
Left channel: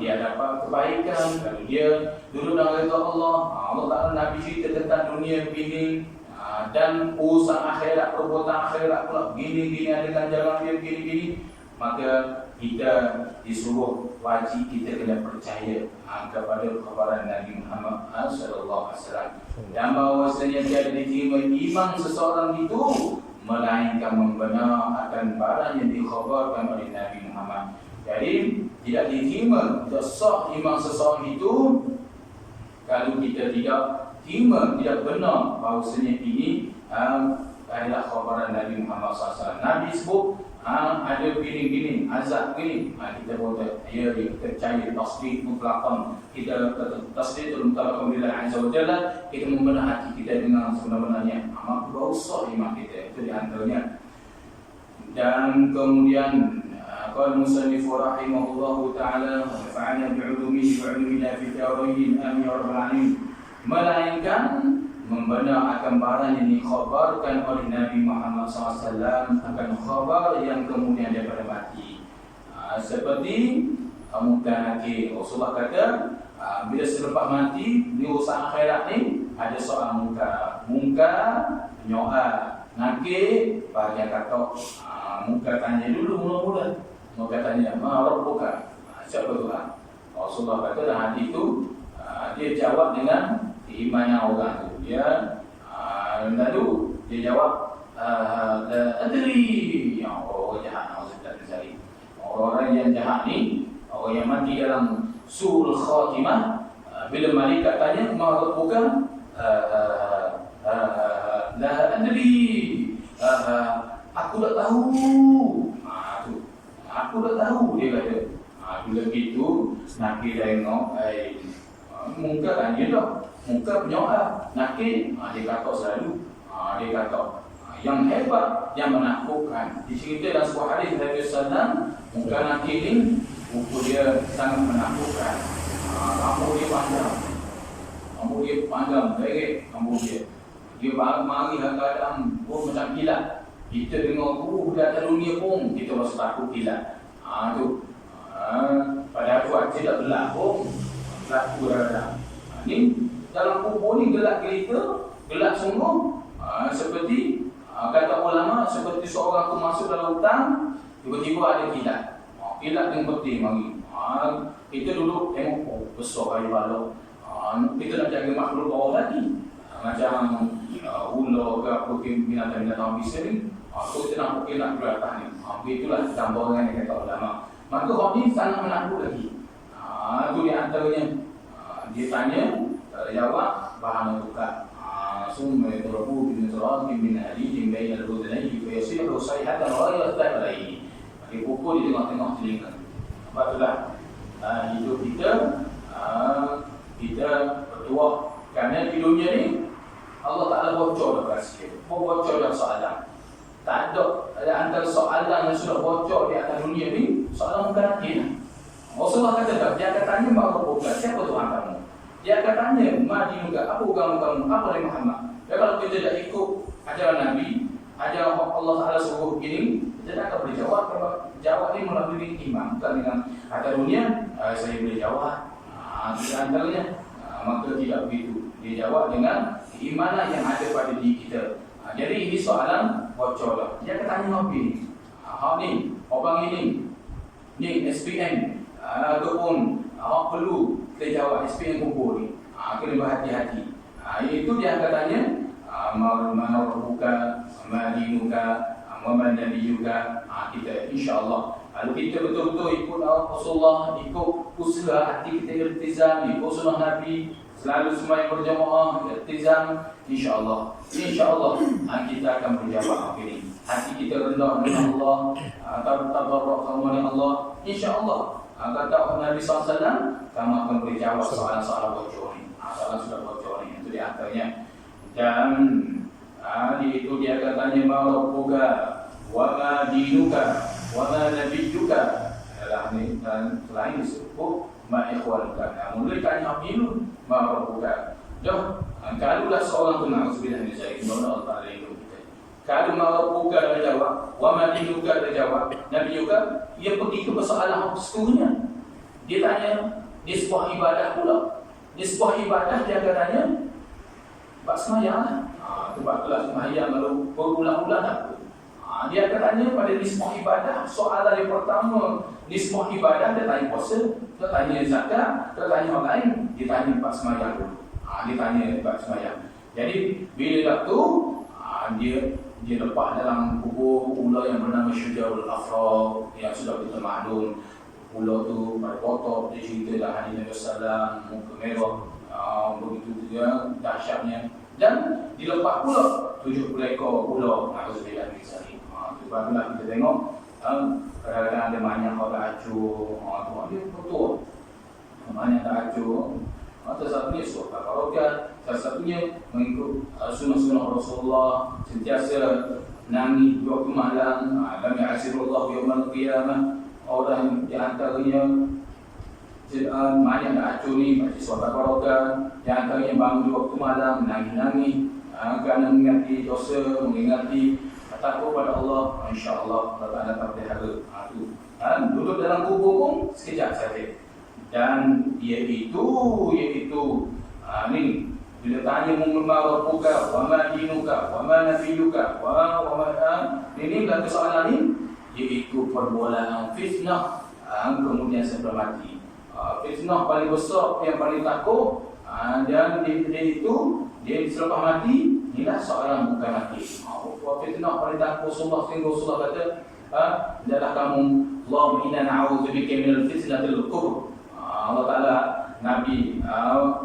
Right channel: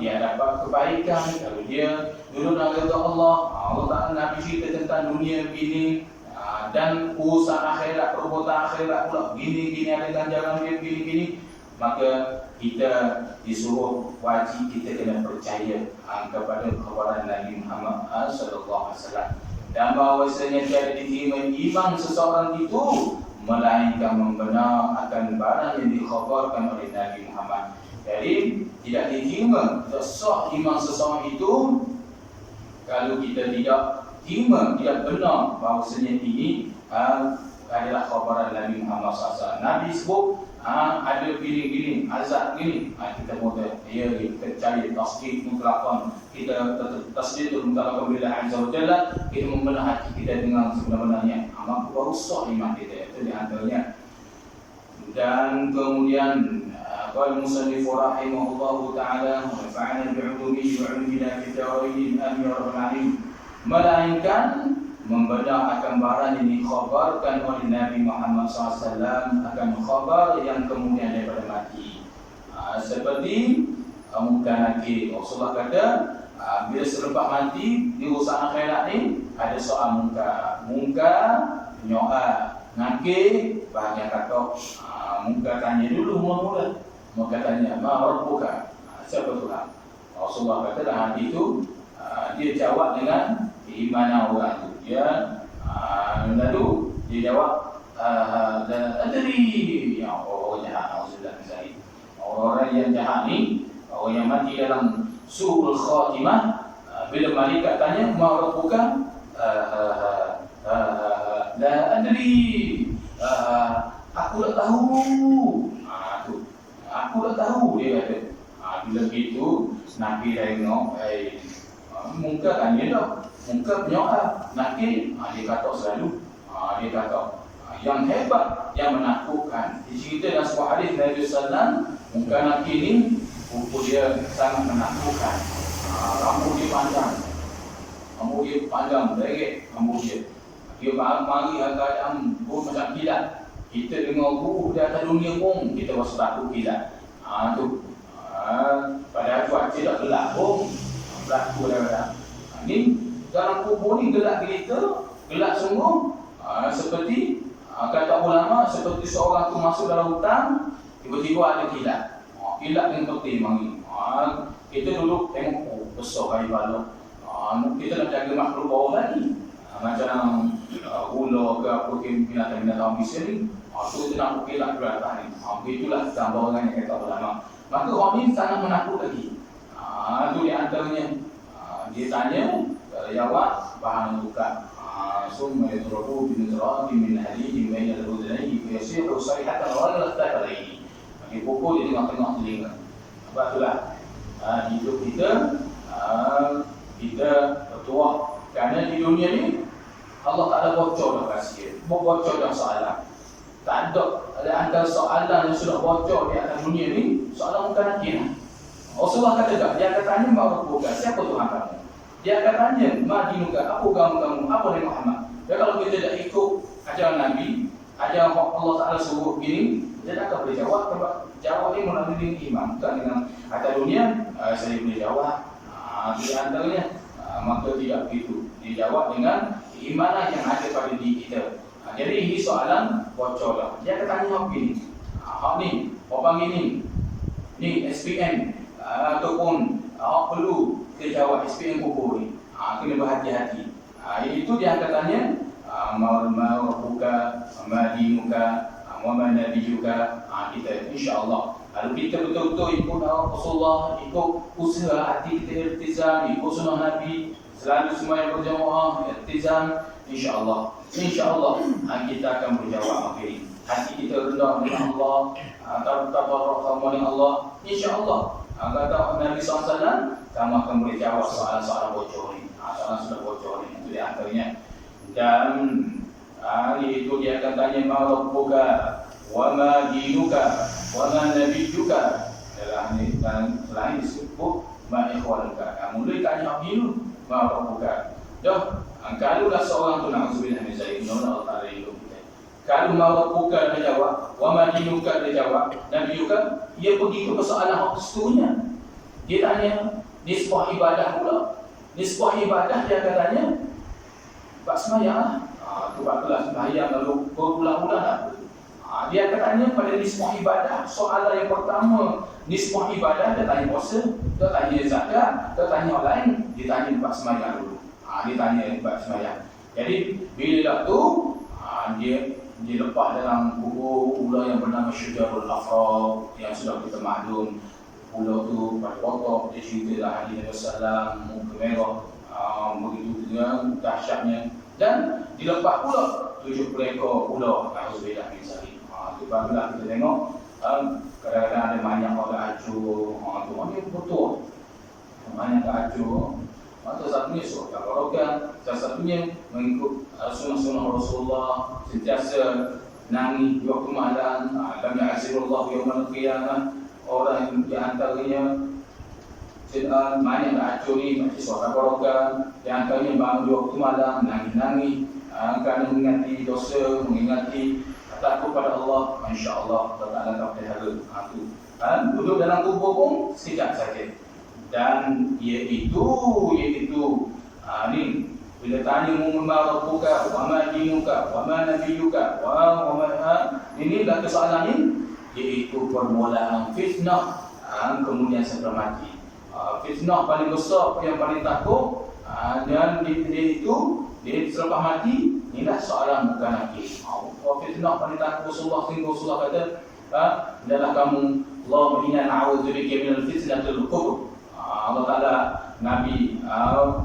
dia dapat kebaikan kalau dia duduk dalam redha Allah. Allah Ta'ala Nabi cerita tentang dunia begini, dan urusan akhirat, perbuatan akhirat pula gini-gini, ada ganjaran dia gini-gini. Maka kita disuruh wajib kita kena percaya kepada khabaran Nabi Muhammad sallallahu alaihi wasallam, dan bahawasanya tiada diterima iman seseorang itu melainkan membenar akan barang yang dikhabarkan oleh Nabi Muhammad. Jadi tidak diterima, tidak sah iman seseorang itu kalau kita tidak terima, tidak benar bahawasanya ini adalah khabaran Nabi Muhammad SAW. Nabi sebut ada gini-gini, azab gini, kita boleh kita cari tasdik mutlaqan, kita tasdik mutlaqan bila azza wa jalla, kita membenar hati kita dengan sebenar-benarnya, maka baru sah iman kita. Itu di antaranya. Dan kemudian qala musannif rahimahullahu ta'ala wa nafa'ana bi'ulumihi wa 'ulumina fid darain amin ya rabbal alamin, melainkan membenar akan barang yang dikhabarkan oleh Nabi Muhammad SAW akan khabar yang kemudian daripada mati. Seperti Munkar Nakir, Rasulullah kata bila selepas mati di urusan akhirat ni ada soal munkar, nyoa, nakir bahagian kata. Munkar tanya dulu mula-mula, maka tanya ma rabbuka, siapa Tuhan? Rasulullah kata dalam hadis itu dia jawab dengan keimanan orang tu. Dia lalu dia jawab la adri, ya orang jahat, maksudnya saya orang yang jahat ni, orang yang mati dalam suul khatimah, bila malaikat tanya ma rabbuka, la adri, aku tak tahu. Aku tak tahu, dia kata. Bila begitu Nakir tengok, Munkar tanya dah, Munkar penyoal, Nakir dia kata selalu, dia kata yang hebat, yang menakutkan. Dicerita dalam sebuah hadis Nabi SAW, Munkar Nakir ni buku dia sangat menakutkan. Rambut dia panjang, direct rambut dia. Dia mari keadaan pun macam kilat. Kita dengar guru di atas dunia pun kita rasa takut kilat. Padahal cuaca tak gelap pun berlaku dah. Ni dalam kubur ni gelap gelita, gelap sungguh. Seperti kata ulama, seperti seorang tu masuk dalam hutan, tiba-tiba ada kilat. Kilat yang penting mari. Kita duduk tengok, besar kayu balok. Kita nak jaga makhluk bawah lagi. Macam ular ke apa ke binatang-binatang biasa ni. Kita nak kilat ke atas ni. Itulah gambaran yang kata ulama. Maka orang ni sangat menakut lagi. Itu di antaranya. Dia tanya, jawab bahan tukar. Summa yatrabu bin turabi min hadidin baina al-udhunayhi fa yasiru sayhatan ghayra thaqalaini. Dipukul di tengah-tengah telinga. Sebab itulah hidup kita bertuah. Kerana di dunia ni Allah tak ada bocor dah rahsia, bocor dah soalan. Tak ada antara soalan yang sudah bocor di atas dunia ni, soalan Munkar Nakir. Rasulullah kata tak, dia akan tanya ma rabbuka, siapa Tuhan kamu? Dia akan tanya ma dinuka, apa agama kamu, apa Nabi Muhammad. Dan kalau kita tak ikut ajaran Nabi, ada Allah Ta'ala suruh begini, kita tak akan boleh jawab. Kalau jawab ni melalui iman, bukan dengan kata dunia, saya boleh jawab. Di antaranya, maka tidak begitu. Dia jawab dengan keimanan yang ada pada diri kita. Jadi ini soalan bocor dah. Dia akan tanya apa ni? Hak ni, orang ini, ni SPM ataupun awak perlu kita jawab SPM kubur ni. Kena berhati-hati. Itu dia akan tanya, ma rabbuka, ma dinuka, wa man nabiyuka. Kita insya-Allah kalau kita betul-betul ikut Rasulullah, ikut usaha hati kita iltizam, ikut sunnah Nabi, selalu sembahyang berjamaah, iltizam, insya-Allah kita akan menjawab ini. Hati kita rendah dengan Allah, tabarruk sama dengan Allah, insya-Allah. Kata Nabi SAW, kamu akan menjawab soalan-soalan bocor ni. Soalan sudah bocor ni, itu di antaranya. Dan itu dia akan tanya, ma rabbuka wa ma dinuka wa ma nabiyyuka. Dalam ni dan selain disebut ma ikhwanuka. Mula tanya dulu ma rabbuka. Dah, kalaulah seorang tu na'udzubillah min zalik, Allah Ta'ala hidup kita. Kalau ma rabbuka dia jawab, wa ma dinuka dia jawab, nabiyyuka, ia pergi ke persoalan seterusnya. Dia tanya nisbah ibadah pula. Nisbah ibadah dia akan tanya buat sembahyang lah. Sebab itulah sembahyang lalu berulang-ulang apa. Dia akan tanya pada nisbah ibadah. Soalan yang pertama, nisbah ibadah, dia tanya puasa, dia tanya zakat, dia tanya orang lain, dia tanya buat sembahyang dulu. Dia tanya buat sembahyang. Jadi bila dah tu, dia lepas dalam kubur ular yang bernama Syujarul Afra, yang sudah kita maklum. Ular tu pada kotak, dia ceritalah Nabi SAW, muka merah, begitu juga dahsyatnya. Dan dilepas pula 70 ekor ular. Alhamdulillah misalnya. Sebablah kita tengok kadang-kadang ada banyak orang acur, tu dia betul. Banyak tak acur. Salah satunya surah Al-Baqarah, salah satunya mengikut sunnah-sunnah Rasulullah, sentiasa nangis di waktu malam. Lam ya'zirullahu yawmal qiyamah. Orang di antaranya banyak tak acur ni, baca surah Al-Baqarah, di antaranya bangun di waktu malam nangis-nangis kerana mengingati dosa, mengingati takut pada Allah. InsyaAllah Allah Ta'ala tak pelihara. Duduk dalam kubur pun sekejap saja. Dan iaitu ni bila tanya ma rabbuka wa ma dinuka wa ma nabiyyuka wa ma ini dah soalan ni, iaitu permulaan fitnah, kemudian setelah mati. Fitnah paling besar yang paling takut, dan dia selepas mati, inilah soalan bukan lagi. Fitnah paling takut Rasulullah kata, adalah kamu, Allahumma inna na'udzubika minal fitnatil qubur. Allah Ta'ala, Nabi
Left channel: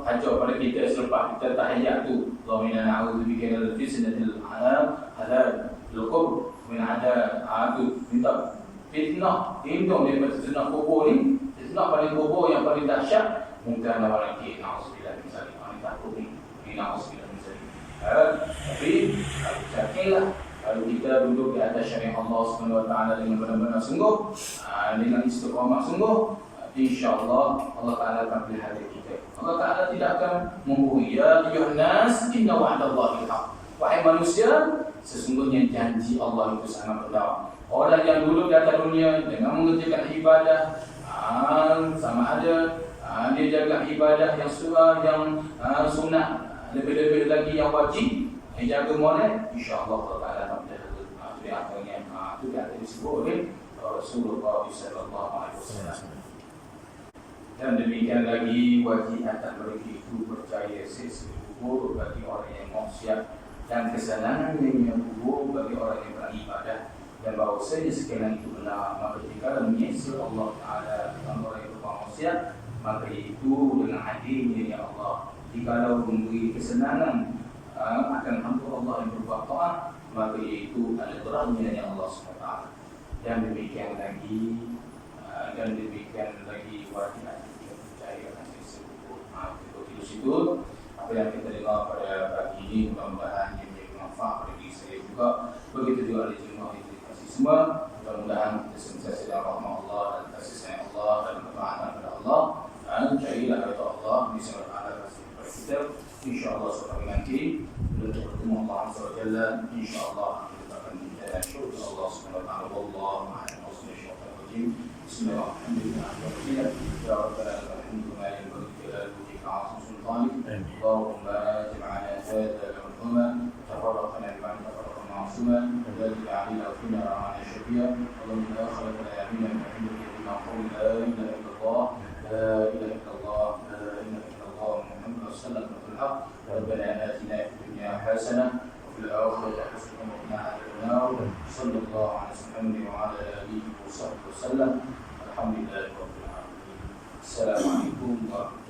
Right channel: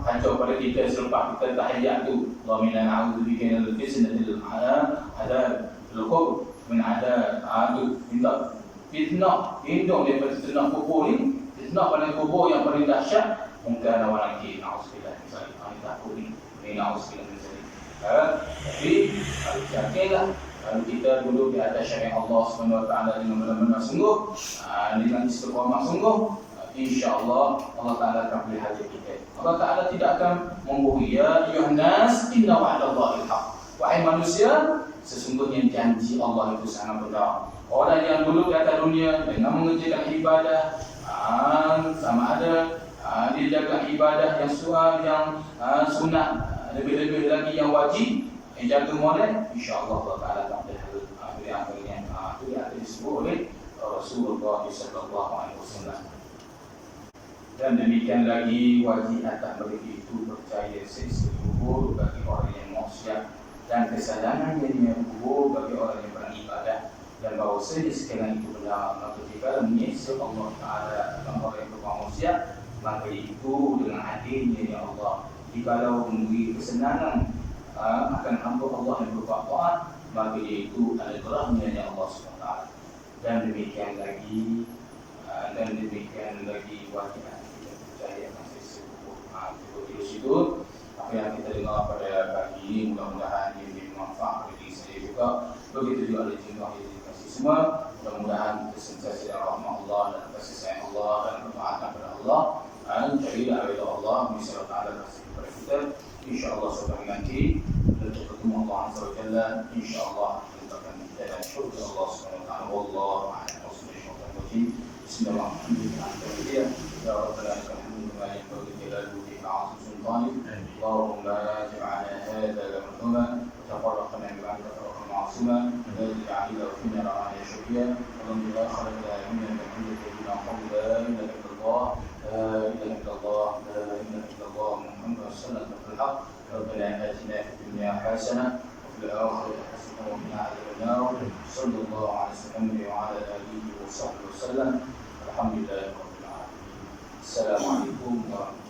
ajar pada kita selepas kita tahiyat tu, Allahumma inna na'udzubika minal fitnatil qubur, min ada tu minta fitnah, hindung daripada fitnah kubur ni. Fitnah paling kubur yang paling dahsyat, mungkin ada orang kiri, na'udzubillah misalnya, kami takut ni na'udzubillah misalnya. Tapi kalau yakinlah, kalau kita duduk di atas syariat Allah SWT dengan benar-benar sungguh, dengan istiqamah sungguh, insya-Allah Allah Ta'ala akan pelihara kita. Allah Ta'ala tidak akan membohongi. Ya ayyuhan nas, inna wa'dallahi haq. Wahai manusia, sesungguhnya janji Allah itu sangat benar. Orang yang dulu di atas dunia dengan mengerjakan ibadah, sama ada dia jaga ibadah yang sunat, lebih-lebih lagi yang wajib, jaga molek, insya-Allah Allah Ta'ala tak pelihara. Itu yang akhirnya itu yang disebut oleh Rasulullah SAW. Dan demikian lagi wajib atas mereka itu percaya siksa kubur bagi orang yang maksiat, dan kesalahan yang kubur bagi orang yang beribadah, dan bahawasanya sekalian itu benar. Maka jika menyiksa Allah Ta'ala dengan orang yang bermaksiat, maka itu dengan adilnya ya Allah. Jikalau memberi kesenangan akan hamba Allah yang berbuat taat, maka itu adalah rahmatnya ya Allah SWT. Dan demikian lagi wajib kita percaya masih sebut itu apa yang kita dengar pada pagi ini, mudah-mudahan ia menjadi manfaat bagi diri saya juga, begitu juga oleh jemaah yang dikasihi semua. Mudah-mudahan kita sentiasa dalam rahmat Allah dan kasih sayang Allah dan ketaatan kepada Allah, dan carilah redha Allah, insya-Allah Ta'ala kasih kepada kita, insya-Allah sampai nanti. Untuk bertemu Allah Azza wa Jalla, insyaallah kita akan minta syukur Allah Subhanahu wa taala. Wallahu a'lam bishawab. Bismillahirrahmanirrahim. Ya Rabbana lakal hamdu ma yanbaghi li jalali wajhika 'azimi sultanik. Allahumma ij'alna hadha al-yawma tafarraqna ba'da tafarraqan ma'suma alladhi ja'ala fina ra'ana shafiya wa lam yadkhilna min al-hamdi illa qawla la ilaha illallah la ilaha illallah la ilaha illallah Muhammadur rasulullah bil haqq. ربنا آتنا في الدنيا حسنة وفي الآخرة حسنة وقنا عذاب النار. صلى الله على محمد وعلى آله وصحبه وسلم. الحمد لله رب العالمين. السلام عليكم ورحمة الله.